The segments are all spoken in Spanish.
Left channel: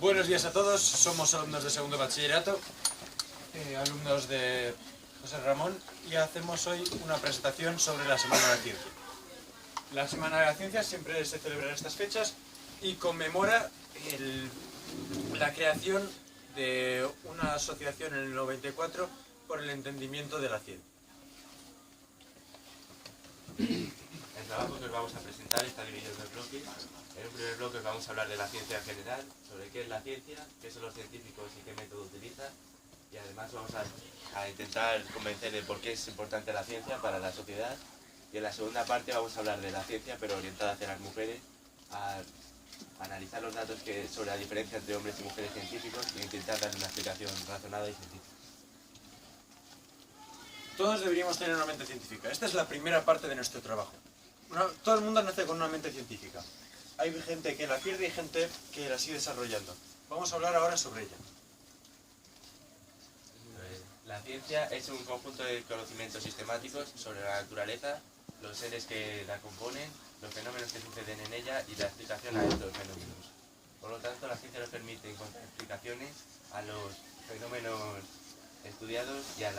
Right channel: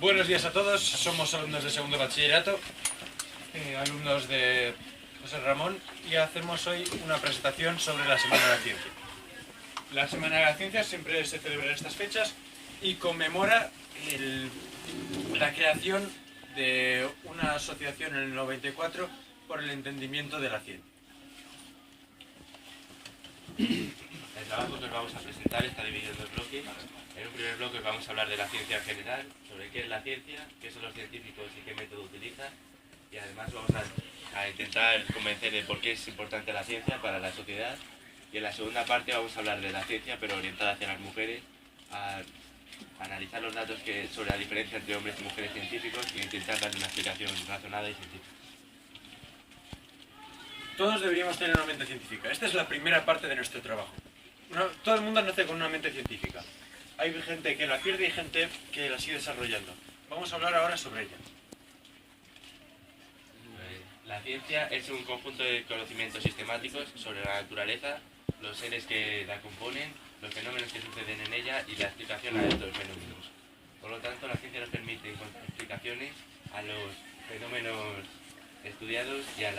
Buenos días a todos, somos alumnos de segundo bachillerato, alumnos de José Ramón, y hacemos hoy una presentación sobre la Semana de la Ciencia. La Semana de la Ciencia siempre se celebra en estas fechas y conmemora la creación de una asociación en el 94 por el entendimiento de la ciencia. El trabajo que os vamos a presentar está dividido en dos bloques. En un primer bloque os vamos a hablar de la ciencia en general, sobre qué es la ciencia, qué son los científicos y qué método utilizan. Y además vamos a intentar convencer de por qué es importante la ciencia para la sociedad. Y en la segunda parte vamos a hablar de la ciencia, pero orientada hacia las mujeres, a analizar los datos sobre la diferencia entre hombres y mujeres científicos e intentar darle una explicación razonada y científica. Todos deberíamos tener una mente científica. Esta es la primera parte de nuestro trabajo. Todo el mundo nace con una mente científica. Hay gente que la pierde y hay gente que la sigue desarrollando. Vamos a hablar ahora sobre ella. La ciencia es un conjunto de conocimientos sistemáticos sobre la naturaleza, los seres que la componen, los fenómenos que suceden en ella y la explicación a estos fenómenos. Por lo tanto, la ciencia nos permite encontrar explicaciones a los fenómenos estudiados y a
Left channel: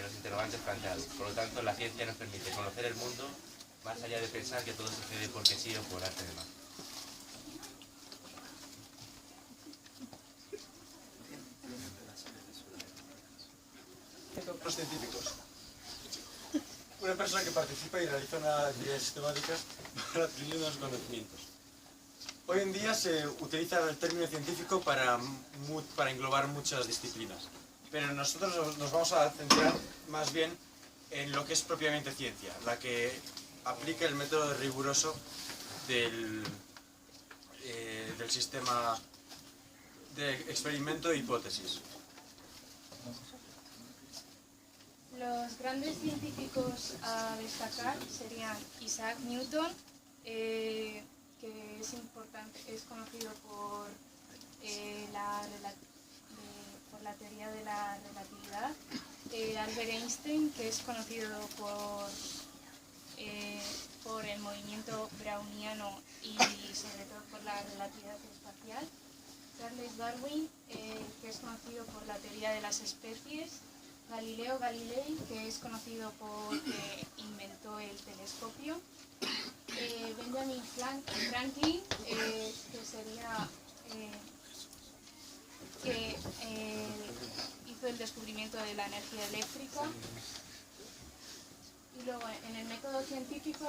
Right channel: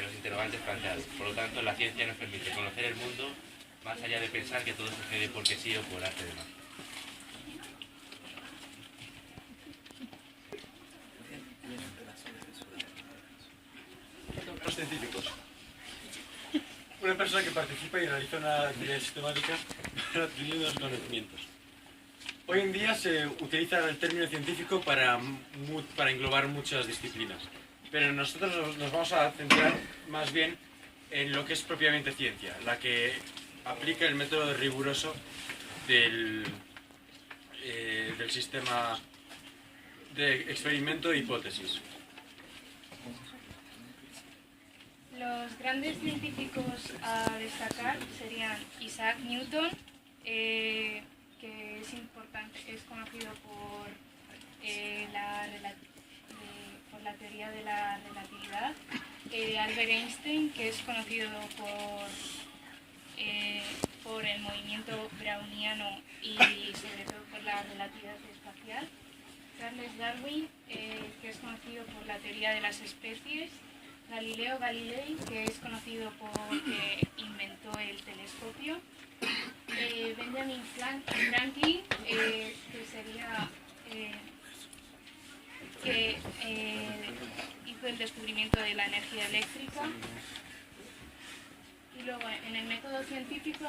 los interrogantes planteados. Por lo tanto, la ciencia nos permite conocer el mundo más allá de pensar que todo sucede porque sí o por arte de magia. Los científicos. Una persona que participa y realiza una actividad sistemática para adquirir unos conocimientos. Hoy en día se utiliza el término científico para englobar muchas disciplinas, pero nosotros nos vamos a centrar más bien en lo que es propiamente ciencia, la que aplica el método riguroso del sistema de experimento e hipótesis. Los grandes científicos a destacar serían Isaac Newton, que es conocido por la teoría de la relatividad, Albert Einstein, que es conocido por el movimiento browniano y sobre todo por la relatividad espacial, Charles Darwin, que es conocido por la teoría de las especies, Galileo Galilei, que es conocido porque inventó el telescopio, Benjamin Franklin, que hizo el descubrimiento de la energía eléctrica. Y luego en el método científico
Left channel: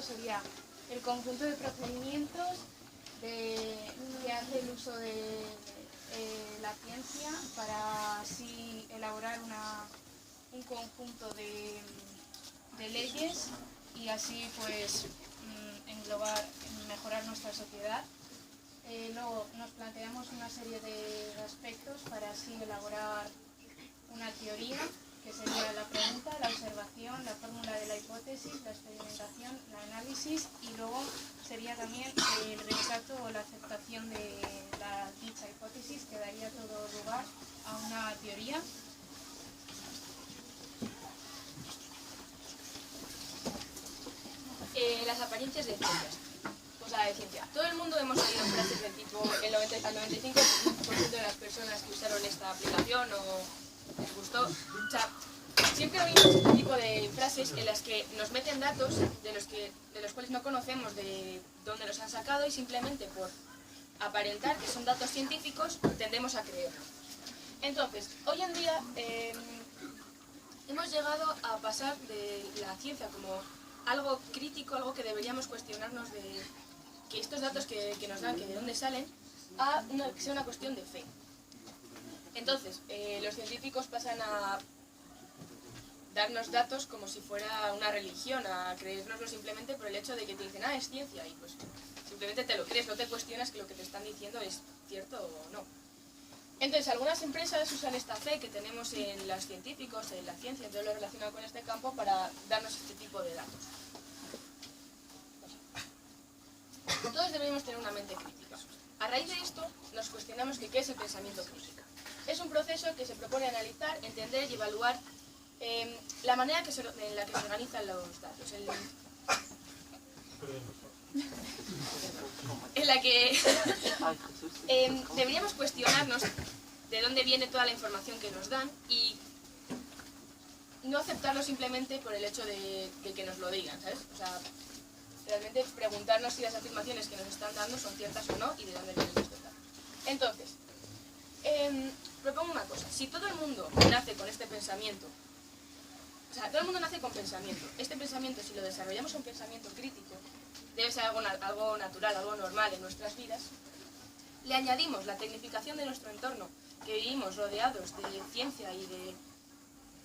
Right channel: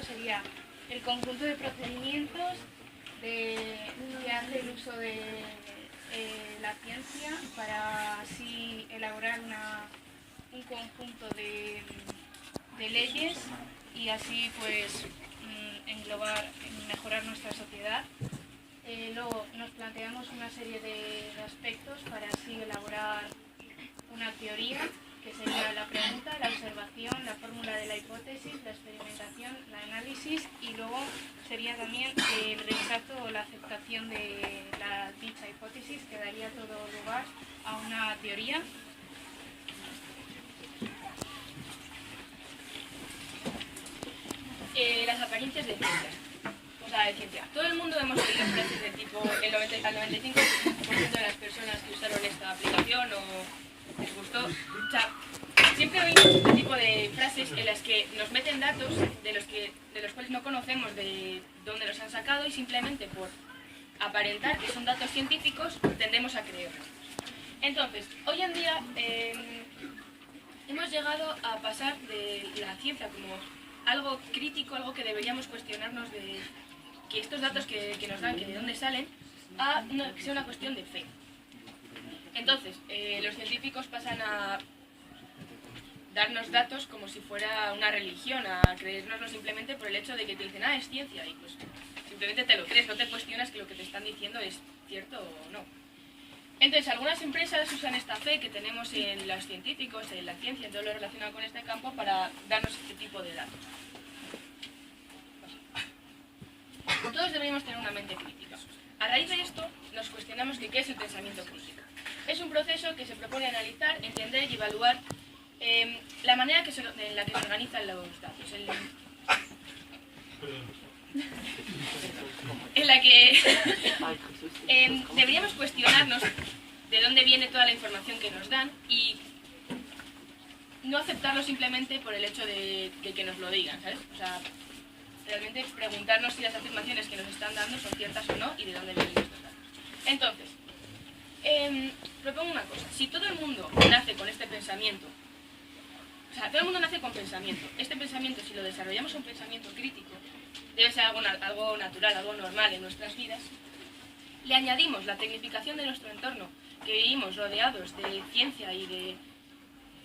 sería el conjunto de procedimientos que hace el uso de la ciencia para así elaborar un conjunto de leyes y así pues mejorar nuestra sociedad. Luego nos planteamos una serie de aspectos para así elaborar una teoría, que sería la pregunta, la observación, la fórmula de la hipótesis, la experimentación, el análisis, y luego sería también el rechazo o la aceptación de dicha hipótesis, que daría todo lugar a una teoría. Las apariencias de ciencia. O sea, de ciencia. Todo el mundo hemos oído frases del tipo al 95% de las personas que usaron esta aplicación o les gustó. O sea, siempre oímos este tipo de frases en las que nos meten datos de los cuales no conocemos de dónde los han sacado y simplemente por aparentar que son datos científicos tendemos a creerlo. Entonces, hoy en día hemos llegado a pasar de la ciencia como algo crítico, algo que deberíamos cuestionarnos de que estos datos que nos dan, que de dónde salen, a que sea una cuestión de fe. Entonces, los científicos pasan a darnos datos como si fuera una religión, a creérnoslo simplemente por el hecho de que te dicen, es ciencia, y pues simplemente te lo crees, no te cuestionas que lo que te están diciendo es cierto o no. Entonces, algunas empresas usan esta fe que tenemos en los científicos, en la ciencia, en todo lo relacionado con este campo, para darnos este tipo de datos. Todos deberíamos tener una mente crítica. A raíz de esto, nos cuestionamos que qué es el pensamiento crítico. Es un proceso que se propone analizar, entender y evaluar la manera en la que se organizan los datos. en la que deberíamos cuestionarnos de dónde viene toda la información que nos dan y no aceptarlo simplemente por el hecho de que nos lo digan, ¿sabes? O sea, realmente preguntarnos si las afirmaciones que nos están dando son ciertas o no y de dónde vienen estos datos. Entonces, propongo una cosa. Si todo el mundo nace con este pensamiento, o sea, todo el mundo nace con pensamiento. Este pensamiento, si lo desarrollamos un pensamiento crítico, debe ser algo natural, algo normal en nuestras vidas. Le añadimos la tecnificación de nuestro entorno, que vivimos rodeados de ciencia y de...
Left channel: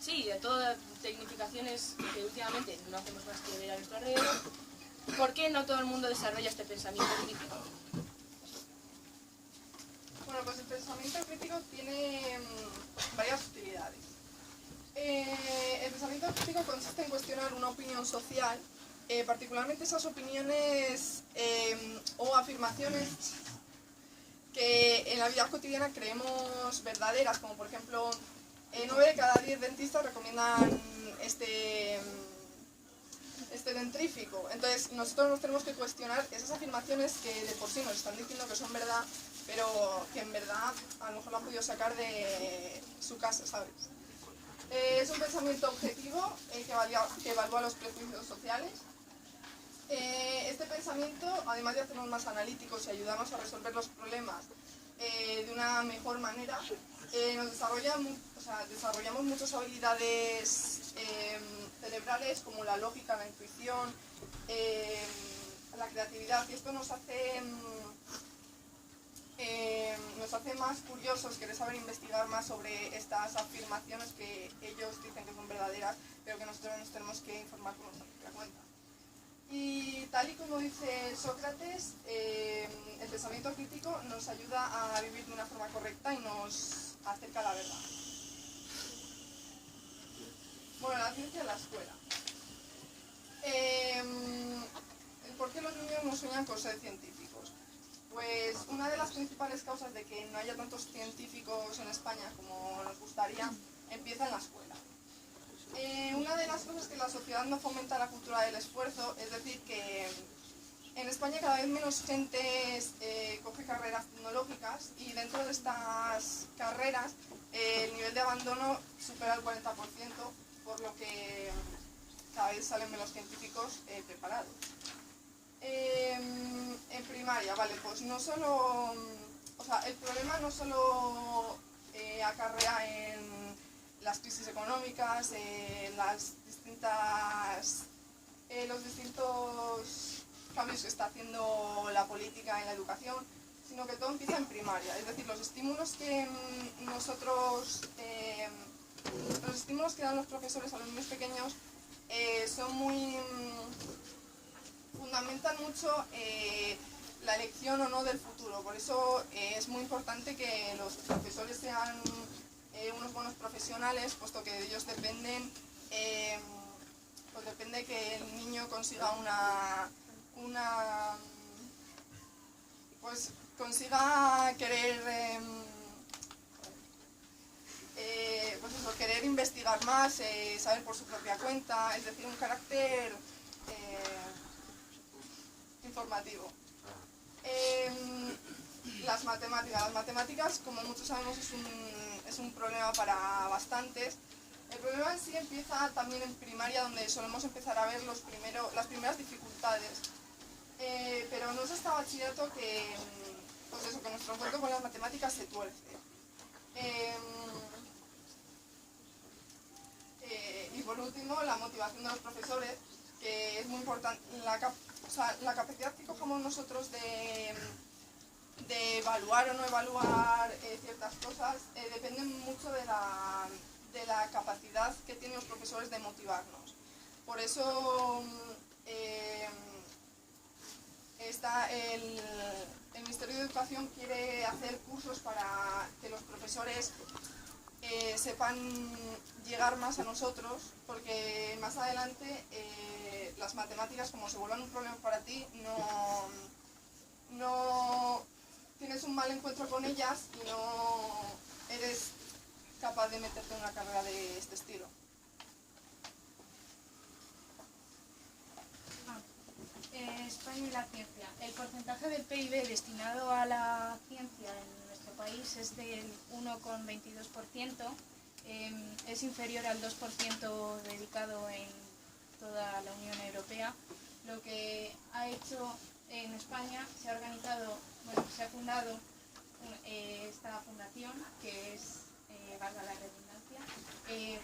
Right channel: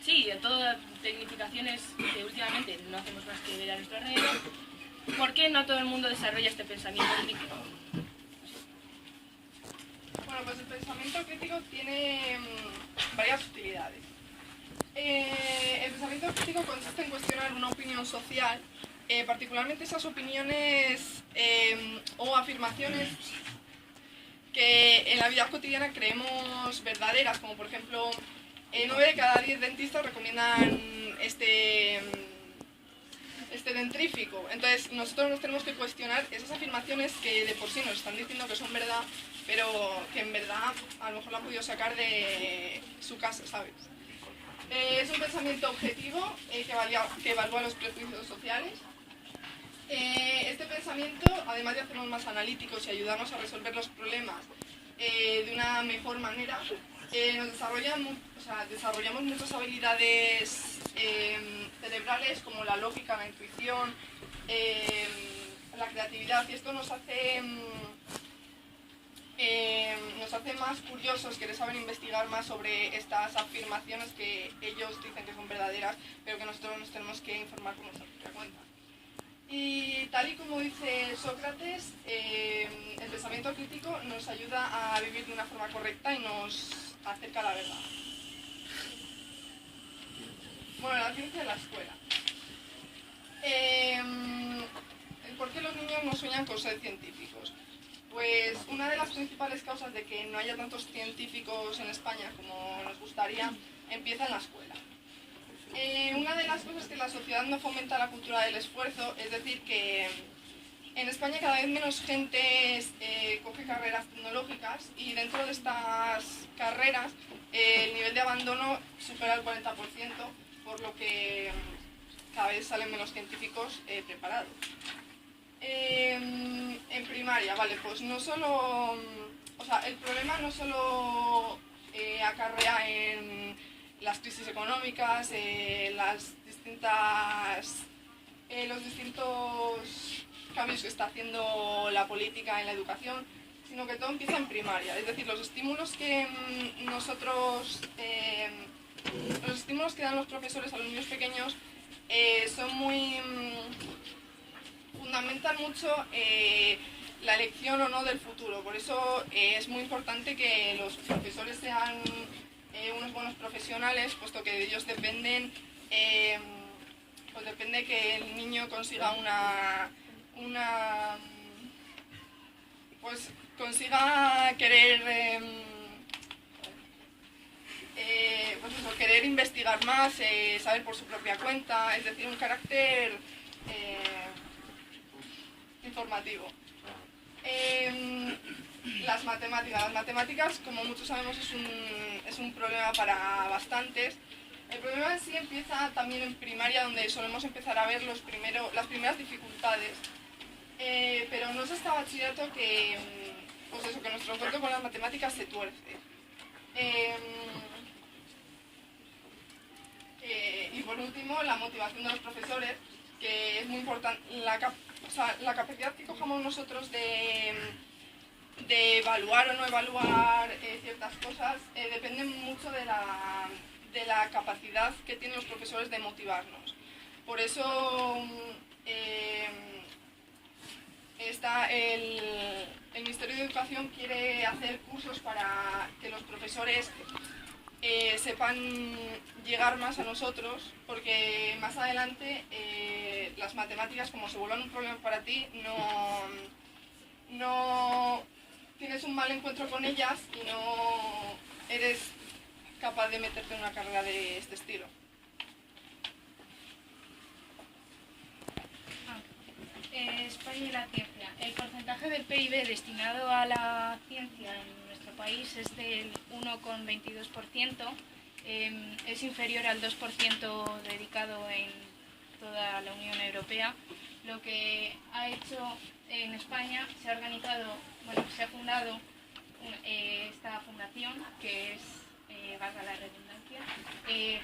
Sí, de todas tecnificaciones que últimamente no hacemos más que ver a nuestro alrededor. ¿Por qué no todo el mundo desarrolla este pensamiento crítico? Bueno, pues el pensamiento crítico tiene varias utilidades. El pensamiento crítico consiste en cuestionar una opinión social, particularmente esas opiniones o afirmaciones que en la vida cotidiana creemos verdaderas, como por ejemplo, 9 de cada 10 dentistas recomiendan este dentrífico. Entonces nosotros nos tenemos que cuestionar esas afirmaciones que de por sí nos están diciendo que son verdad, pero que en verdad a lo mejor lo han podido sacar de su casa, ¿sabes? Es un pensamiento objetivo que evalúa los prejuicios sociales. Este pensamiento, además de hacernos más analíticos y ayudarnos a resolver los problemas de una mejor manera, desarrollamos muchas habilidades cerebrales como la lógica, la intuición, la creatividad, y esto nos hace más curiosos, querer saber investigar más sobre estas afirmaciones que ellos dicen que son verdaderas, pero que nosotros nos tenemos que informar por nuestra propia cuenta. Y tal y como dice Sócrates, el pensamiento crítico nos ayuda a vivir de una forma correcta y nos acerca a la verdad. Bueno, la ciencia en la escuela. ¿Por qué los niños no sueñan con ser científicos? Pues una de las principales causas de que no haya tantos científicos en España como nos gustaría empieza en la escuela. Una de las cosas es que la sociedad no fomenta la cultura del esfuerzo, es decir, que en España cada vez menos gente coge carreras tecnológicas y dentro de estas carreras el nivel de abandono supera el 40%, por lo que cada vez salen menos científicos preparados. En primaria, vale, pues no solo, o sea, el problema no solo acarrea en las crisis económicas, los distintos cambios que está haciendo la política en la educación, sino que todo empieza en primaria. Es decir, los estímulos que dan los profesores a los niños pequeños fundamentan mucho la elección o no del futuro. Por eso es muy importante que los profesores sean unos buenos profesionales, puesto que de ellos depende que el niño consiga consiga querer investigar más, saber por su propia cuenta, es decir, un carácter informativo. Las matemáticas, como muchos sabemos, es un problema para bastantes. El problema en sí empieza también en primaria, donde solemos empezar a ver las primeras dificultades. Pero no es hasta bachillerato que nuestro encuentro con las matemáticas se tuerce. Y por último, la motivación de los profesores, que es muy importante. La capacidad que cojamos nosotros de evaluar o no evaluar ciertas cosas depende mucho de la capacidad que tienen los profesores de motivarnos. Por eso el Ministerio de Educación quiere hacer cursos para que los profesores sepan llegar más a nosotros, porque más adelante las matemáticas, como se vuelvan un problema para ti, no tienes un mal encuentro con ellas y no eres capaz de meterte en una carrera de este estilo. España y la ciencia. El porcentaje del PIB destinado a la ciencia en nuestro país es del 1,22%, es inferior al 2% dedicado en toda la Unión Europea. Lo que ha hecho en España, se ha organizado, bueno, se ha fundado esta fundación, que es, valga la redundancia,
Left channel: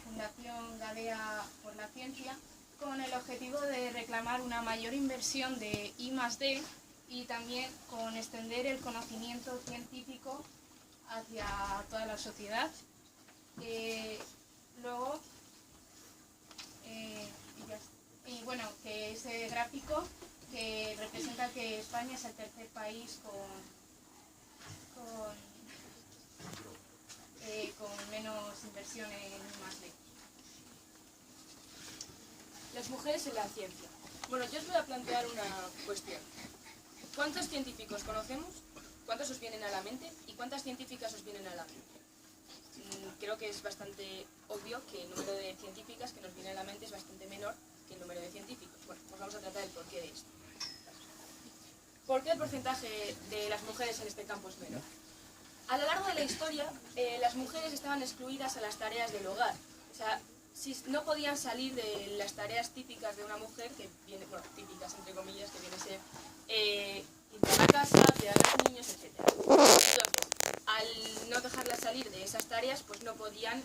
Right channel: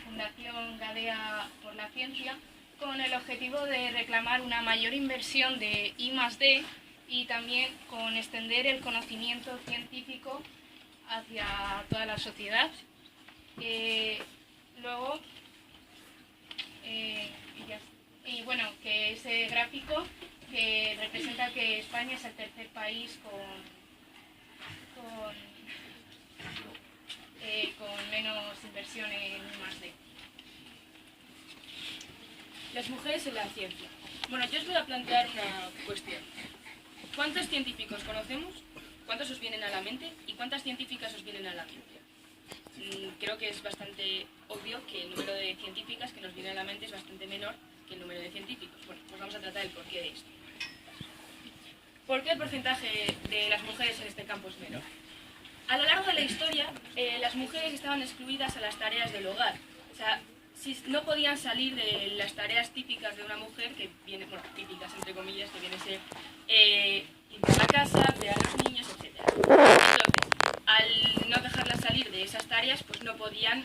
Fundación Gadea por la Ciencia, con el objetivo de reclamar una mayor inversión de I+D y también con extender el conocimiento científico hacia toda la sociedad. Luego, y bueno, que ese gráfico que representa que España es el tercer país con menos inversión en I+D. Las mujeres en la ciencia. Bueno, yo os voy a plantear una cuestión. ¿Cuántos científicos conocemos? ¿Cuántos os vienen a la mente? ¿Y cuántas científicas os vienen a la mente? Creo que es bastante obvio que el número de científicas que nos viene a la mente es bastante menor que el número de científicos. Bueno, pues vamos a tratar el porqué de esto. ¿Por qué el porcentaje de las mujeres en este campo es menor? A lo largo de la historia, las mujeres estaban excluidas a las tareas del hogar. O sea, no podían salir de las tareas típicas de una mujer, que viene, bueno, típicas entre comillas, que viene a ser limpiar la casa, cuidar a los niños, etc. Entonces, al no dejarlas salir de esas tareas, pues no podían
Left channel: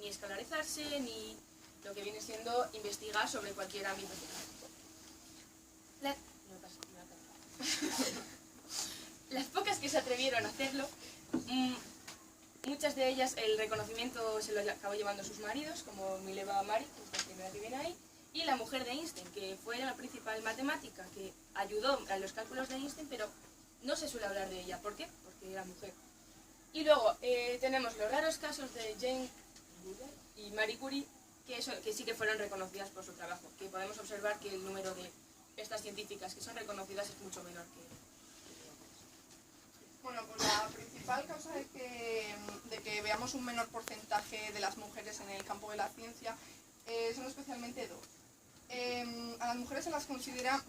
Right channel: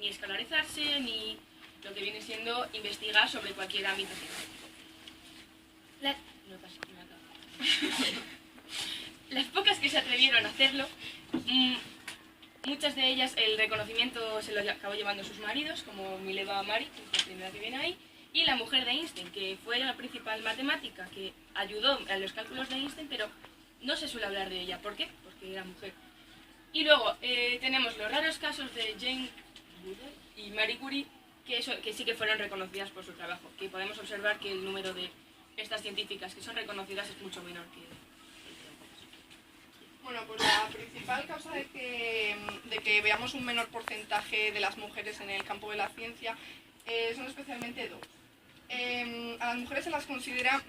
ni escolarizarse, ni lo que viene siendo investigar sobre cualquier ámbito científico. Las pocas que se atrevieron a hacerlo, muchas de ellas el reconocimiento se lo acabó llevando sus maridos, como Mileva Mari, que es la primera que viene ahí, y la mujer de Einstein, que fue la principal matemática que ayudó a los cálculos de Einstein, pero no se suele hablar de ella. ¿Por qué? Porque era mujer. Y luego tenemos los raros casos de Jane Goodall y Marie Curie, que sí que fueron reconocidas por su trabajo, que podemos observar que el número de estas científicas que son reconocidas es mucho menor que el Bueno, pues la principal causa de que veamos un menor porcentaje de las mujeres en el campo de la ciencia son especialmente dos. A las mujeres se las considera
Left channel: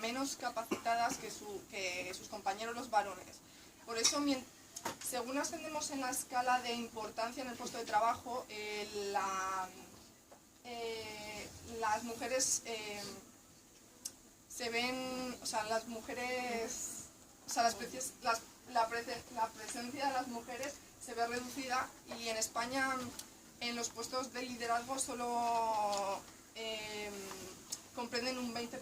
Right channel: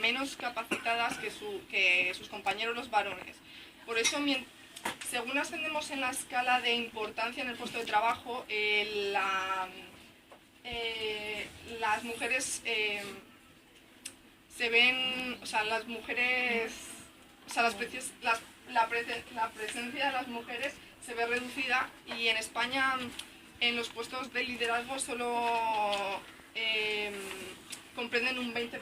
menos capacitadas que sus compañeros los varones. Por eso, según ascendemos en la escala de importancia en el puesto de trabajo, las mujeres se ven, o sea, las mujeres, o sea, la presencia de las mujeres se ve reducida, y en España en los puestos de liderazgo solo comprenden un 20%.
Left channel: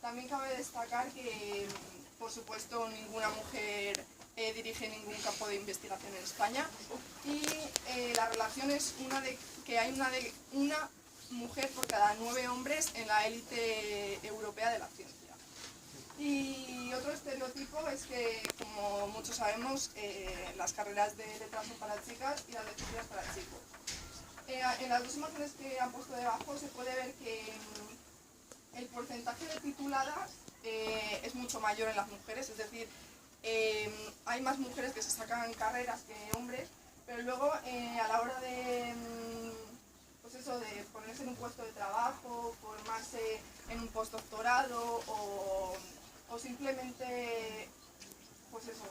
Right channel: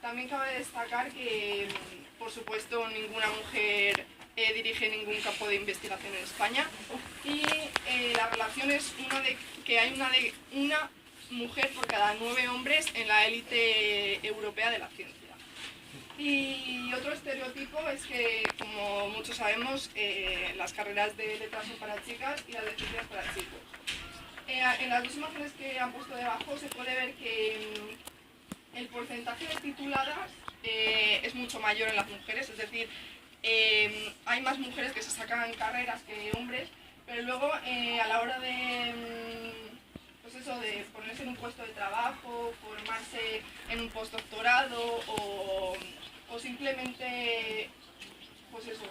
También cabe destacar que, por supuesto, ninguna mujer dirige ningún campo de investigación en España, y la relación es que hay una mujer por cada 9 hombres en la élite europea de la ciencia. Y otro estereotipo es que, como muchos sabemos, las carreras de letras son para chicas y las de ciencias para chicos. En las dos imágenes que han puesto debajo se puede ver que el porcentaje de tituladas es mucho mayor en las mujeres, es decir, hay más mujeres que se sacan carreras que hombres, pero luego a la hora de, pues eso, de ponerse en un puesto de trabajo, formarse en un postdoctorado o simplemente, pues eso,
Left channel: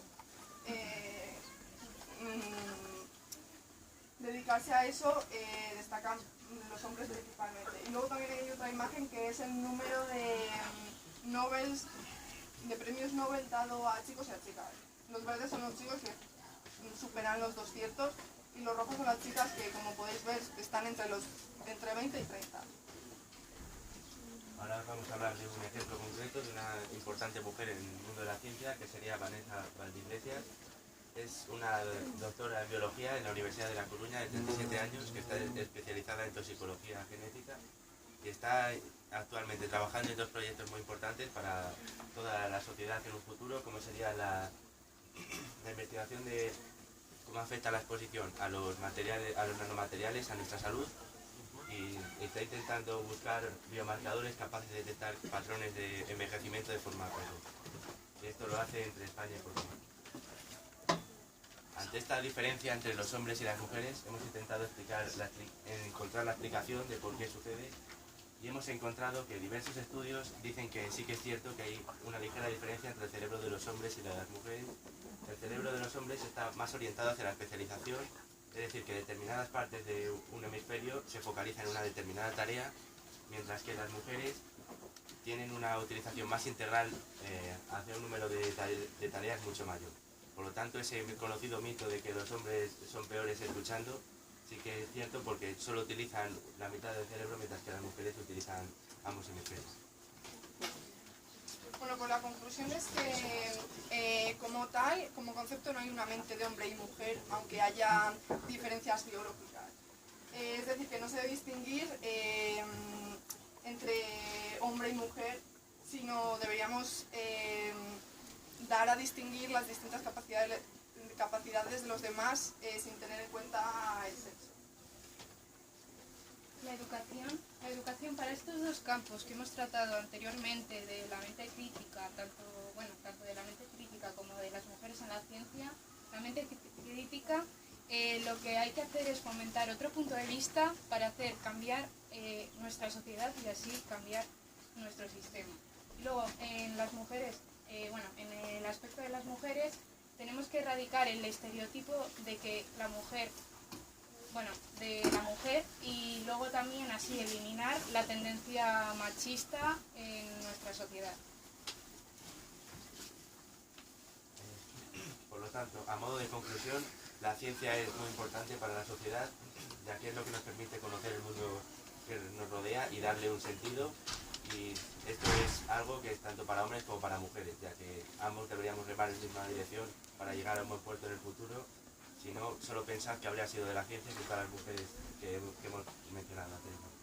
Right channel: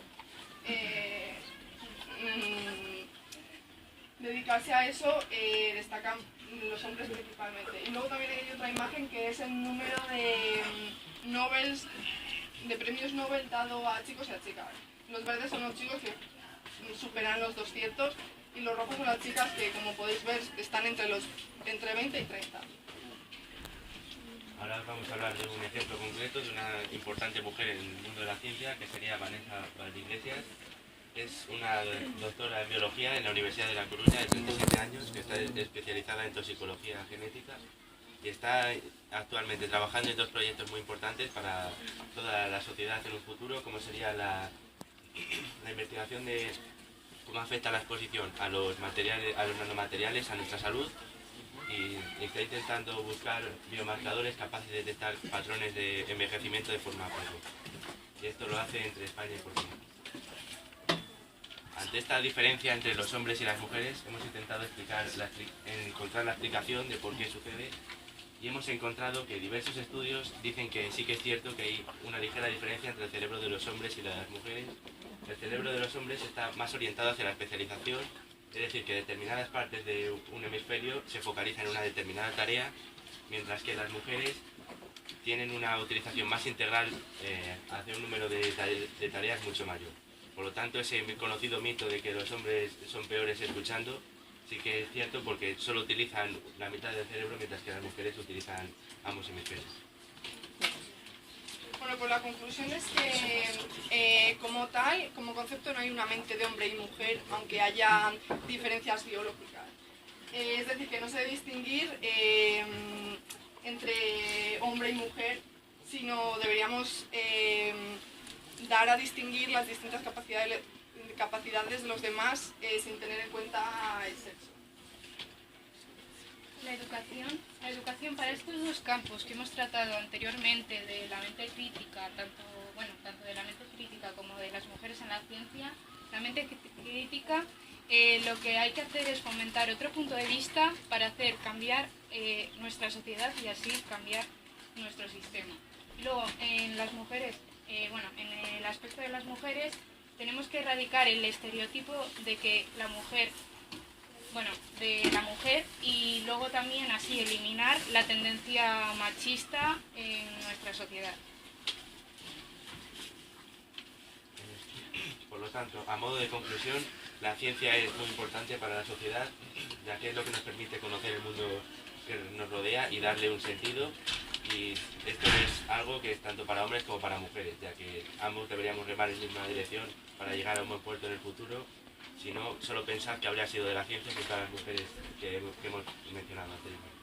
dedicarse a eso, destacan los hombres principalmente. Y luego también hay otra imagen que es el número de premios Nobel dado a chicos y a chicas. Los verdes son los chicos que superan los 200, y los rojos son las chicas que, como podéis ver, están entre 20 y 30. Ahora vamos a hablar de un ejemplo concreto de una importante mujer en el mundo de la ciencia, que sería Vanessa Valdiglesias. Es una doctora en biología en la Universidad de La Coruña, de 37 años, que está especializada en toxicología genética y está actualmente trabajando en dos proyectos muy importantes para toda la sociedad en un futuro, como sería la investigación de cómo afecta la exposición a los nanomateriales a nuestra salud, y está intentando buscar biomarcadores capaces de detectar patrones de envejecimiento de forma precoz. Y esto lo hace entre España y Portugal. Ante esta diferencia entre los hombres y las mujeres, hemos intentado encontrar la explicación de por qué sucede, y hemos encontrado que diversos estudios dicen que sí que es cierto que hay una ligera diferencia entre el cerebro de los hombres y la de las mujeres. El cerebro de los hombres está más orientado hacia la especialización, es decir, que determinadas partes de un hemisferio se focalizan en una determinada tarea, mientras que las mujeres tienen una utilización más integral hacia un número de tareas mucho mayor. Por lo tanto, ese conocido mito de que los hombres son peores escuchando, sí que es cierto porque solo utilizan la mitad del cerebro, mientras que las mujeres utilizan ambos hemisferios. Bueno, pues la conclusión es que como tal, como concepto no hay una mente de hombre y mujer, aunque haya diferencias biológicas. Es decir, que no se debe distinguir entre hombre y mujer, sino deberíamos dar a distinguir las distintas capacidades de los demás sin tener en cuenta el sexo. La educación para estos dos campos que hemos tratado anteriormente, de la mente crítica, tanto de la mente crítica como de las mujeres en la ciencia, la mente crítica, lo que hay que hacer es fomentar otro punto de vista para hacer cambiar nuestra sociedad y así cambiar nuestro sistema. Y luego, en las mujeres, en el aspecto de las mujeres, tenemos que erradicar el estereotipo de que la mujer y luego también así eliminar la tendencia machista en nuestra sociedad. Por lo tanto, a modo de conclusión, la ciencia es muy importante para la sociedad, ya que es lo que nos permite conocer el mundo que nos rodea y darle un sentido. Y esto es algo que es tanto para hombres como para mujeres, ya que ambos deberíamos remar en la misma dirección para llegar a un buen puerto en el futuro. Si no, solo pensar que habría sido de la ciencia que todas las mujeres que hemos mencionado anteriormente.